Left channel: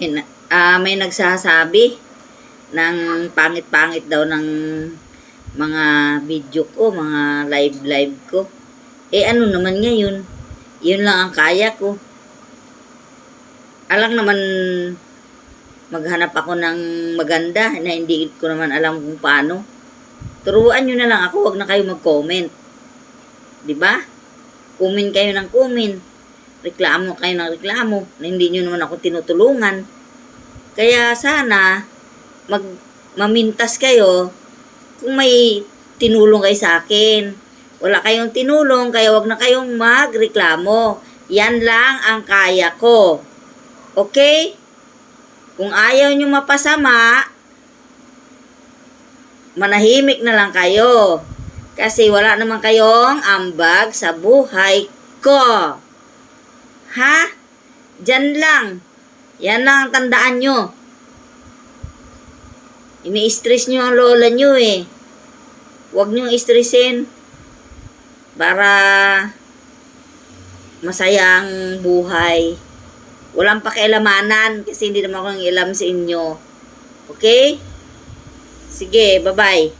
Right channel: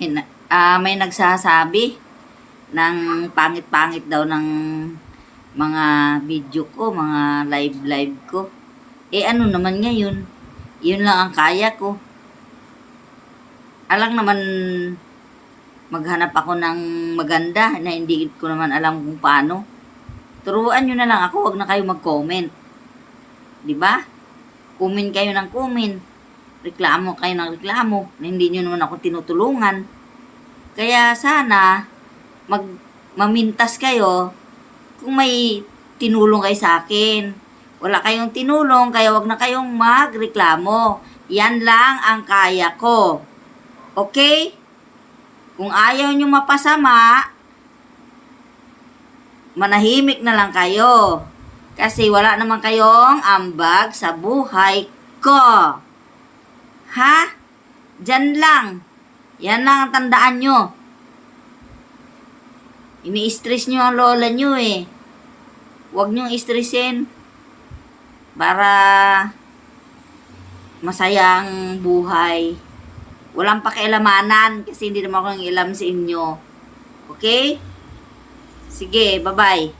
May nagsasabi ng pangit-pangit daw ng mga video ko, mga live ko. Ano naman ngayon? Yun lang ang kaya ko. Alang naman maghanap ako ng maganda na hindi ko naman alam kung paano. Turuan nyo na lang ako, wag na kayo mag-comment. Diba? Comment kayo ng comment. Reklamo kayo ng reklamo na hindi nyo naman ako tinutulungan. Kaya sana mamintas kayo kung may tinulong kayo sa akin. Wala kayong tinulong, kaya wag na kayong magreklamo. Yan lang ang kaya ko. Okay? Kung ayaw nyo mapasama, manahimik na lang kayo. Kasi wala naman kayong ambag sa buhay ko. Ha? Diyan lang. Yan lang ang tandaan nyo. Ini-stress nyo ang lola nyo eh. Huwag nyo stressin para masaya ang buhay. Walang pakialamanan kasi hindi naman ako nang ilam sa inyo. Okay? Sige, bye-bye.